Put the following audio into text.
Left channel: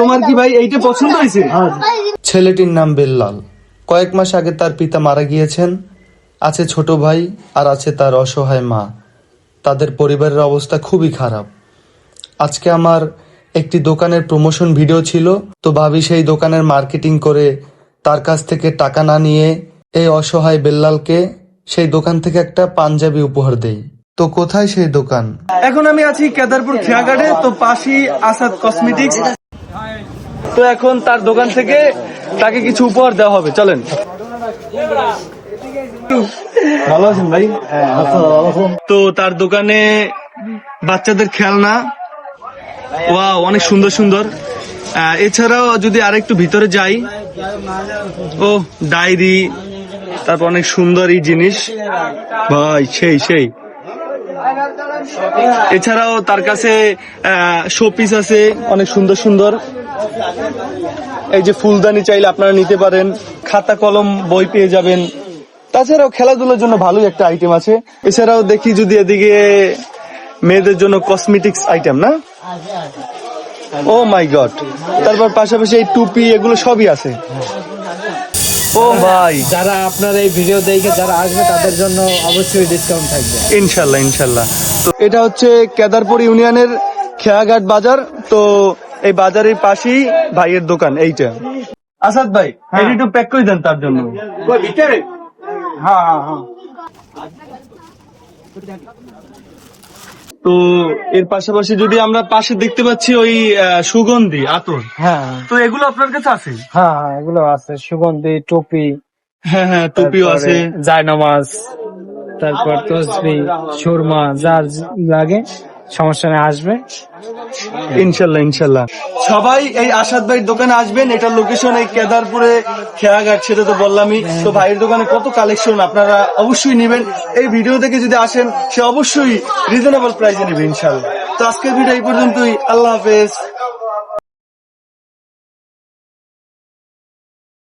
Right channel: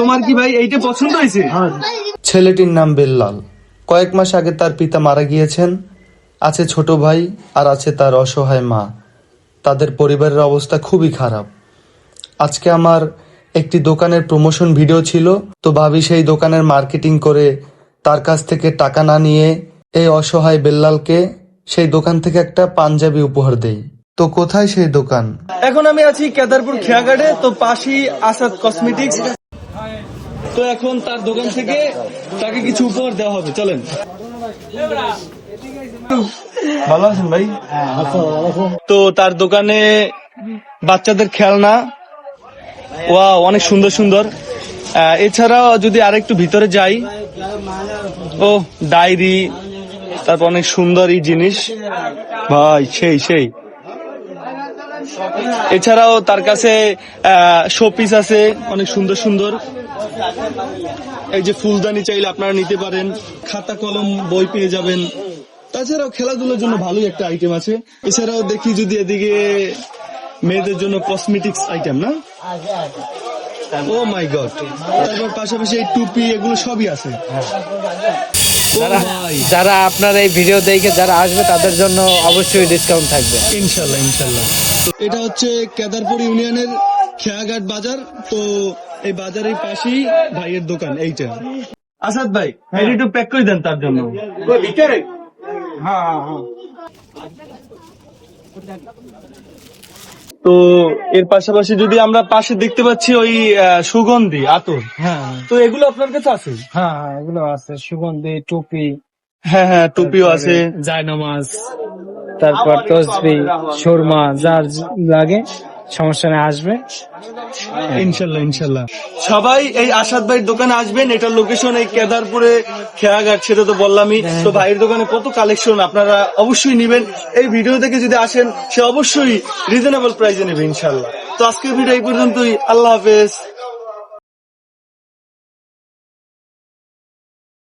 তোমার কি ভাই এইটা পছন্দ হয়েছে? ছেলেটির নাম বেল্লাল। কয়েক মাস আগে তার পিতা মারা গিয়েছেন। আছে ছোট ভাই আর আছে তার অসহায় মা। তাদের পরিবারের অবস্থা খুবই খারাপ। আজকে আমার একটি দোকানের প্রমোশন ভিডিও ছিল, তো ভাবি সেই দোকানের মার্কেটিং করে তার কাছ থেকে টাকা না নিয়ে এই অসহায় বেল্লালকে সেই দোকান থেকে একটা পাঞ্জাবি উপহার দেই। তো কোথায় সেই দোকান? এখন আমি আছি কেদারপুর খেয়াঘাটে, তো পাশেই আসাদ কসমেটিক্স। তো এখন তার দোকান থেকে তাকে কিছু উপহার দেওয়া হবে, চলেন। ভালো আছেন ভাই? তো তার দোকানে বাচ্চাদের খেলনা, ওয়াও অনেক সুন্দর সুন্দর। এছাড়াও যদি আরেকটু ভিতরে যাই, ও ডায়েরি, তারপর অনেক সুন্দর এই জিনিস ভাই, সেই সেই। এছাড়াও তার কাছে শোপিস আছে অনেক সুন্দর সুন্দর। এই যে ফুলদানি চাইলে আপনারা নিতে পারেন, খাতা কলম বই পেয়ে যাবেন। তাছাড়াও খেলাধুলার জন্য ভালোই একটা আইটেম আছে। এছাড়াও দেখি যদি এদিকে মেয়েদের জন্য কসমেটিক্স আইটেম, না? ও মাই গড। তারপর পাশাপাশি এই টুপি, এগুলো সবই আছে। ও ভাই, যারা আপনার এই ভিডিও দেখে যারা আসবে তাদের জন্য অবশ্যই ডিসকাউন্ট থাকবে ইনশাল্লাহ ইনশাল্লাহ। তো এটা হচ্ছে কেদারপুর ইউনিয়নের খেয়াঘাট বাজার। তো এই বাজারের পাশেই ভাইয়ের দোকান এইটা। আসাদ ভাই, এটা একটু প্যাক করে দেন তার জন্য। তো এর পাশাপাশি যদি আমরা পাশে দেখতে পাচ্ছি ওই সুগন্ধি আতর, হ্যাঁ তো এগুলো আপনার কাছে আছে? হ্যাঁ এগুলো আছে, সুগন্ধি, টুপি, হ্যাঁ হ্যাঁ, টুপিও আছে, জায়নামাজ, তারপর তসবি, সুরমা, যার লাগে সমস্যা নেই, আসবে ইনশাল্লাহ ইনশাল্লাহ। সবাই এই আসাদ ভাইয়ের দোকানে আসবেন। এটার লোকেশন এই কেদারপুরে খেয়াঘাট, সেটা তো বললামই। তো ভাইয়ের দোকানে কত কালেকশন, আপনারা অবশ্যই নেবেন। এই ভিডিও থেকে যদি আসেন, সে অবশ্যই রিজনেবল প্রাইসে নেবে ইনশাল্লাহ। তো আজকের ভিডিও এই পর্যন্তই। আল্লাহ হাফেজ।